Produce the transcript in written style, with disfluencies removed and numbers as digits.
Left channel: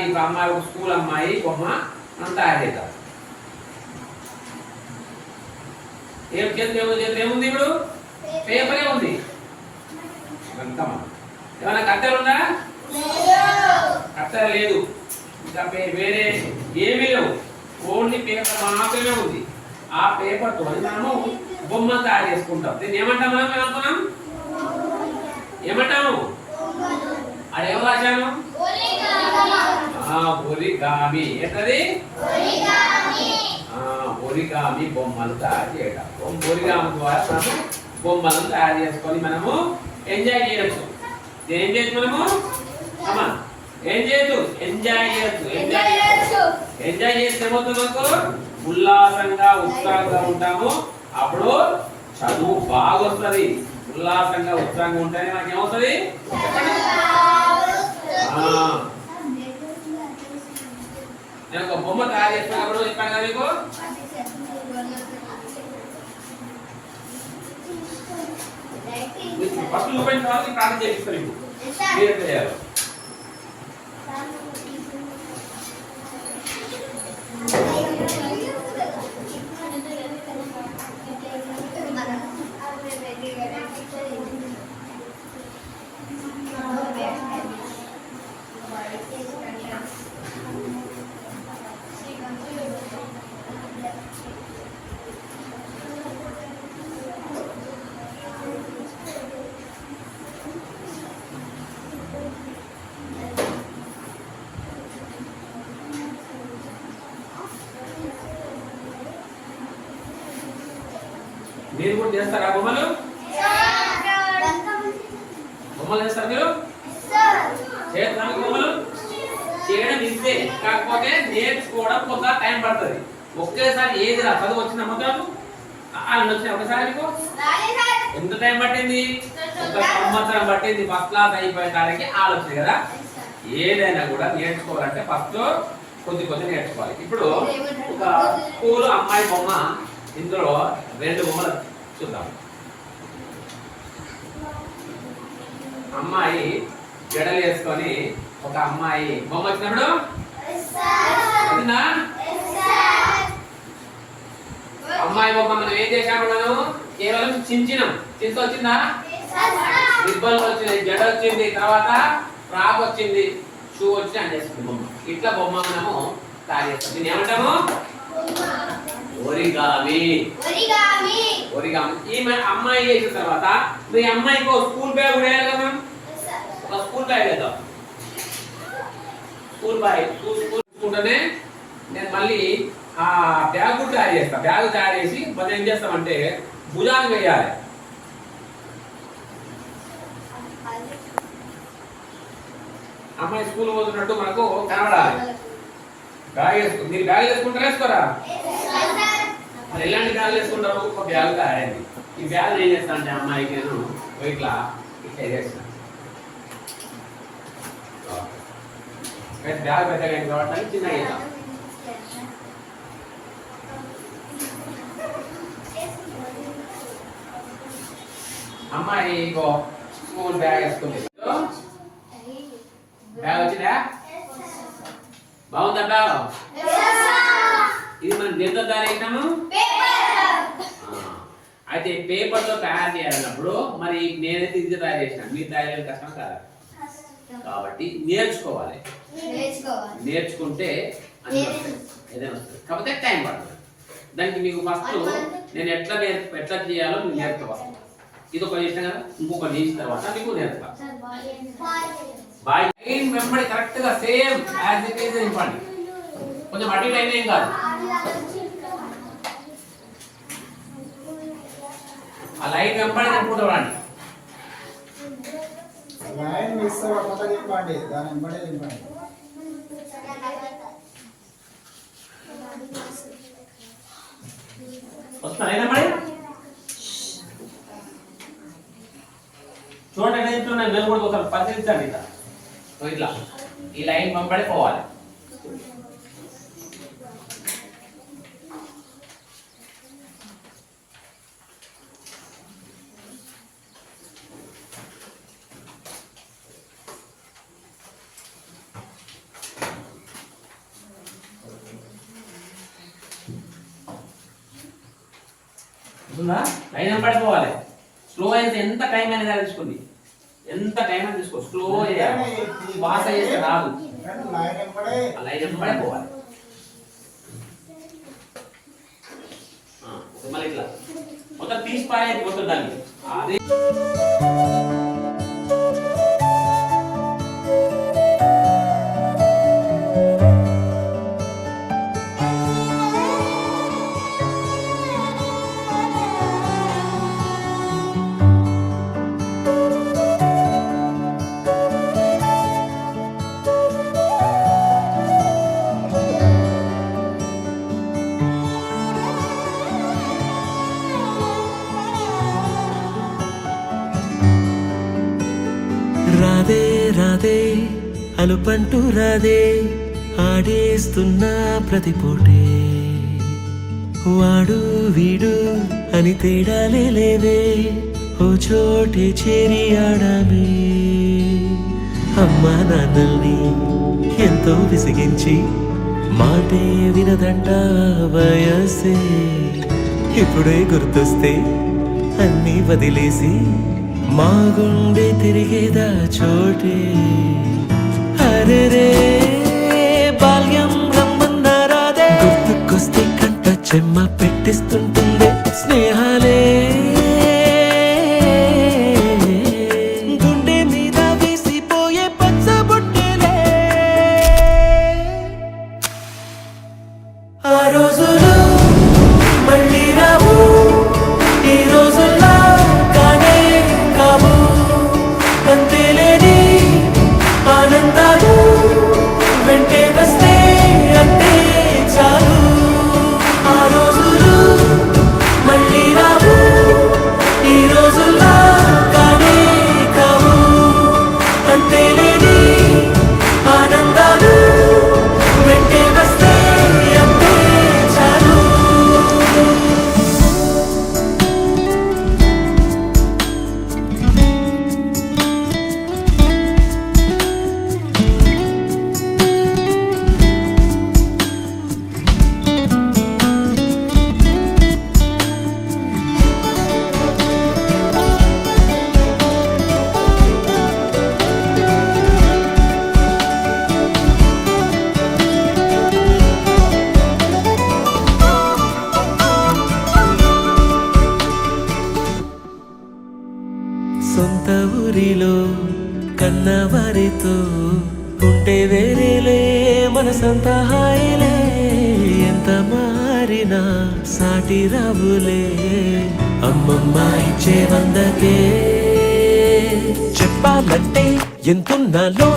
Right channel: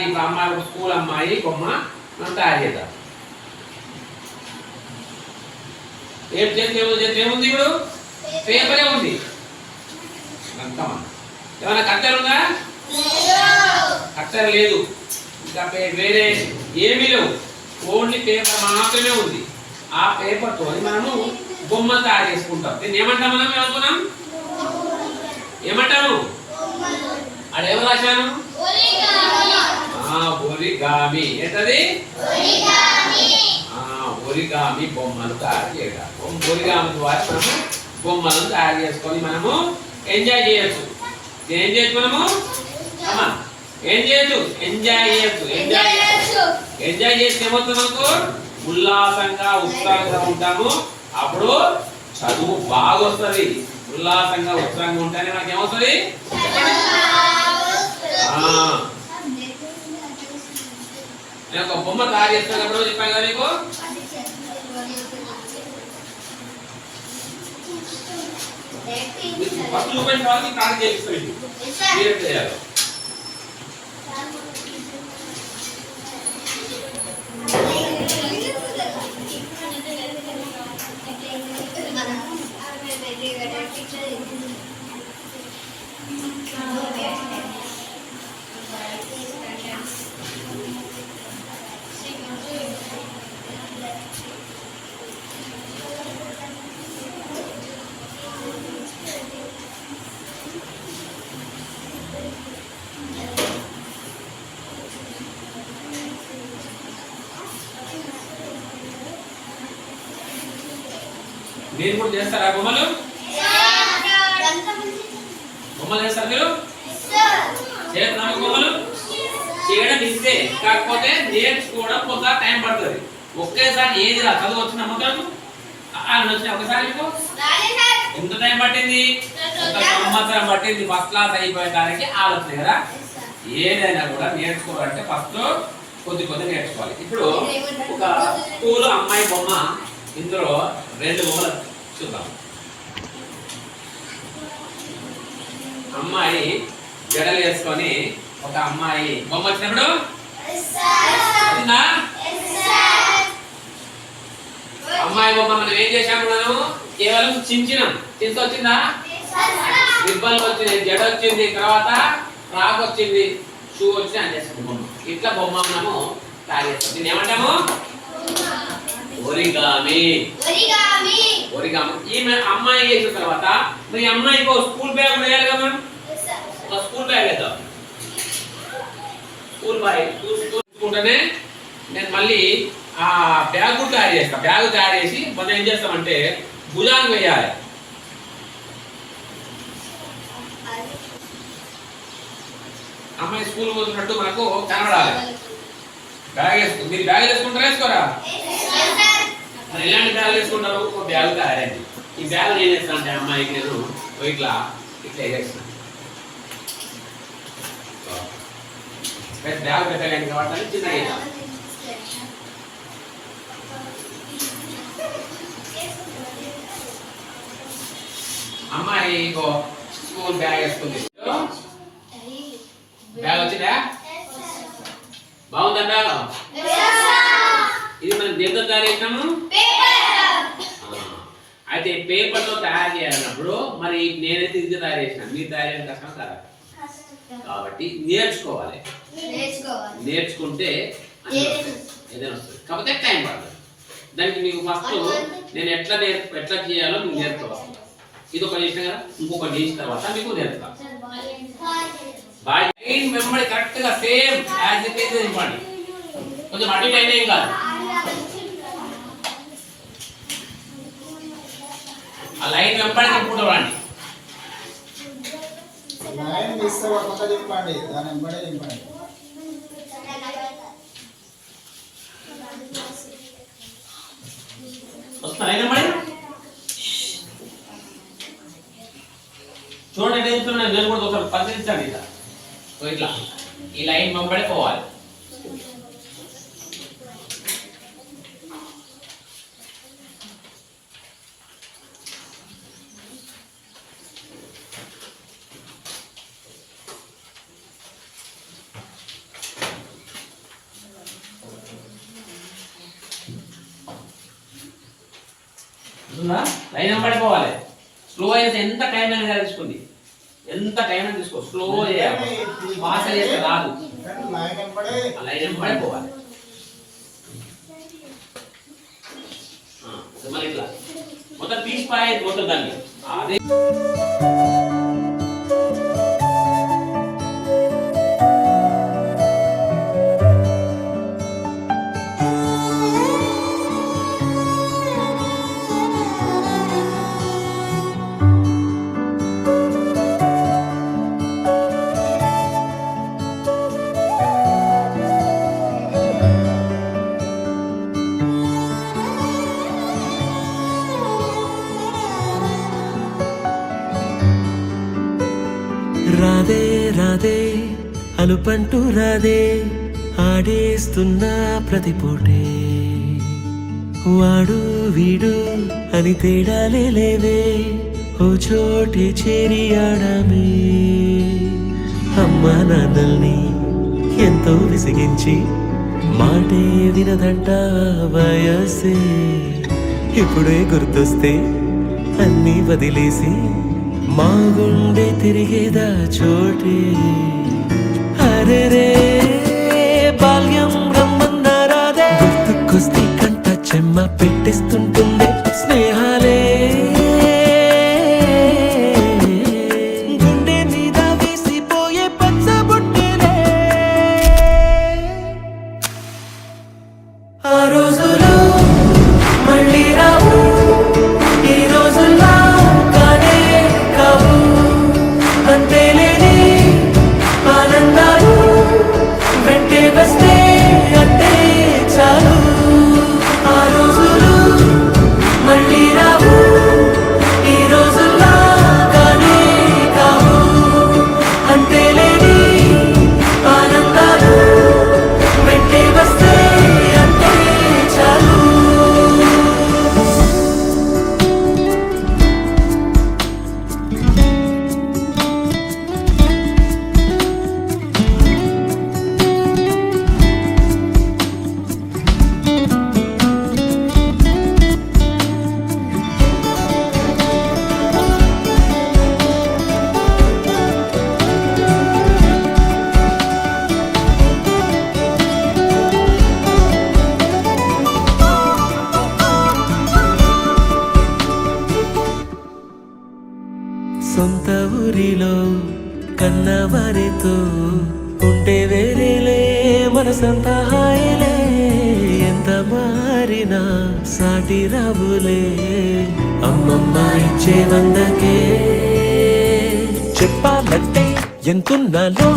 ఇలాంటి అమ్మాయి స్కూల్ అమ్మాయి బొమ్మ మనం తయారు చేద్దాం. ఏం ఏముంది ఇప్పుడు పేపరే ఉంది. ఏమైనా కత్తెర ఉందా? కత్తెర లేదు. ఇంకా వేరే ఏమీ లేవు. ఓన్లీ పేపర్ మాత్రమే ఉంది. ఆ పేపర్ తో మనము బొమ్మ తయారు చేసుకుంటాం. దీన్ని ఏమంటాం? మనం ఏమనుకున్నాం? ఏమంటాము? అది ఏమో రాశాను? ఒరిగామి. ఏంటది? ఒరిగామి బొమ్మలు తయారు చేయడం. ఒరిగామి ద్వారా మనము బొమ్మలను తయారు చేసుకొని మనము ఎంజాయ్ చేయొచ్చు. ఏం చేయొచ్చు? మనము ఏం చేయొచ్చు? ఎంజాయ్ చేయొచ్చు. ఎంజాయ్ చేస్తే ఏమవుతుంది? మనకు ఉల్లాసంగా ఉత్సాహంగా ఉంటాము. అప్పుడు చదువు బాగా వస్తుంది. ఉల్లాసంగా ఉత్సాహంగా ఉంటేనే మనకి ఏమవుతుంది? నేను ఒక బొమ్మ తయారు చేస్తున్నప్పుడు చెప్పాను కదా మీకు. ఫస్ట్ చూపించిన వాళ్ళకి ప్రాక్టీస్ చేపిస్తాను. మీరు ఎట్లా చేయాలో మీరు కూడా చేస్తారా బొమ్మలు? బొమ్మలు చేస్తారు మీరు? చేస్తారా బొమ్మలు? చేయడం ఇస్తే, కాకపోతే నేర్చుకోవడం కొంత టైం పడుతుంది. ఒకేసారి ఏది రా చదువు వచ్చిన నమ్మకం వచ్చిన ఒకసారి మీకు ఎంత టైం పట్టింది? ఒక సంవత్సరం పట్టింది ఫస్ట్ క్లాస్ అయిపోయేదానికి ఆలోచన కదా. ఏదైనా కూడా నేర్చుకోవాలంటే ఫస్ట్ కొద్ది నేర్చుకోవాలి. ఇప్పుడు ఒక స్కూల్ అమ్మాయి బొమ్మ, ఇందులో 2 బొమ్మలు చూద్దాం. అమ్మాయి జడలు వేసుకొని ఒక అమ్మాయి బొమ్మ వచ్చినప్పుడు అమ్మాయి బొమ్మ మనం ఏం చేసాము? మనం కేవలం చించినాం. చింత వచ్చిందా? రిబ్బన్లు వచ్చింది, జడ వచ్చింది, తర్వాత ఫ్రాక్ వచ్చింది, షూ వచ్చి అని చేస్తాం బొమ్మ. ఇట్లా బొమ్మ మనము తయారు చేస్తాం. దీన్ని ఏమంటాము? ఒరిగామి. ఈమె అమ్మాయి చేసిన తర్వాత మీ అమ్మాయికి స్కూల్ బ్యాగ్ వేయాలి కదా. ఒక స్కూల్ బ్యాగ్ వేద్దాం. స్కూల్ బ్యాగ్ చూసుకుంటేనే నేను మళ్ళీ ఆ బ్యాగ్ కూడా తయారు చేస్తాను. బ్యాగ్ తయారు చేసి మనం ఏం చేస్తామంటే భుజానికి వేయాలి. అమ్మాయి స్కూల్ పోతున్నట్టు మనకు కనబడాలి. బ్యాగ్ వేసుకుంటారు. మీరు బ్యాగ్ వేసుకుంటారా? వేసుకోరా? మరి ఎలాంటి బ్యాగ్ వేసుకుంటారు? ఒక బ్యాగ్ తయారైంది. ఈ బ్యాగ్ ఏం చేస్తాను అంటే అమ్మాయికి నేను ఇట్లా వేసేస్తాను. బ్యాగ్ పెట్టలేదు కాబట్టి చిన్నగా వేస్తాను. అమ్మాయి స్కూల్ బ్యాగ్ వేసుకుంది. బ్యాగ్ వచ్చిందా? బాగుందా బ్యాగ్? ఇది మనం దేంతో తయారు చేసినాము? అయితే పేపర్ తో తయారు చేయాలన్నప్పుడు మరి నేనైతే ఇది తయారు చేసిన, మీరు తయారు చేయడం కష్టం కదా. కాబట్టి నేర్చుకోవాలి. నేర్చుకుంటే ఏదైనా వస్తుంది. కాకపోతే టైం పడుతుంది. దానికి మీకు ఫస్ట్ నేను ఎట్లా చేయాలో మీకు నేర్చుకోవాలి. ఇది ఒకటి చేసిన కదా, ఇంకొకటి చేసిన తర్వాత మీకు నేర్చుకోవాలి. బాయ్ లైన్ వెంబడి కరెక్ట్ గా సేమ్ యాజ్ ఇట్ ఈజ్ ఇవ్వండి. కొంచెం అటు ఇటు అయినా ఏం కాదు. ఆ లైన్ వెంబడి తిప్పుకుంటూ రండి. లైన్ మిస్ అవ్వకుండా తిప్పండి. దాని వెంబడే తిప్పండి. వస్తా లైన్ వెంబడి చూడండి. చూడండి నేను కూడా ఒకసారి పరిశీలించండి. ఇట్లా ఈ లైన్ వెంబడి పోవాలి. లైన్ వెంబడి పోవాలి. స్లో అయితే ఎంత టైం అనేది తీసుకోండి, ఎంత టైం అనేది తీసుకో. స్లో చేయాలి, ఫాస్ట్ చేస్తే రాదు. లైన్ వెంబడే పోవాలి. మళ్ళీ ఇట్లా మొత్తం తీసి పారేది మొత్తం దాన్ని. అదే రాధే రాధే అలుపంటూ రాధే ఆడేస్తున్నా ప్రతి పూటే, వాడు వీడు అని తేడాలే లేవే, ఓ చోటే చేరి ఆడామే. అమ్మా నాన్నల్ని ఎంతో విసిగించి మాటే వినదంట వయసే, ఇప్పుడే గుర్తొస్తే అన్నీ వదిలేసి మా గుండె తిరిగేదా చోటే. అరే రే బాల్యం రమ్మన్నారాదే, గుర్తుకొస్తే కంట చెమ్మ పెట్టిస్తుంటుందే స్నేహాలే. గుండె మీద వేసిపోయే పచ్చబొట్టెలే, ఆ రోజులు మళ్ళీ రావు, ఈ రోజుల్లా కానే కావు. అంతేలేని ఆనందాలు వెంటే వస్తే అంటే చాలు. ఆ రోజులు మళ్ళీ రావు, ఈ రోజుల్లా కానే కావు. అంతేలేని ఆనందాలు వెంటే వస్తే అంటే చాలు. సొంత ఊరిలో కన్నవారితో ఉంటే వేరేలే మనసంతా హాయిలే. ఎంత మారినా సాటి రావులే, అమ్మమ్మ ఇచ్చే వందకే. చెప్పాలంటే ఎంతున్నాలో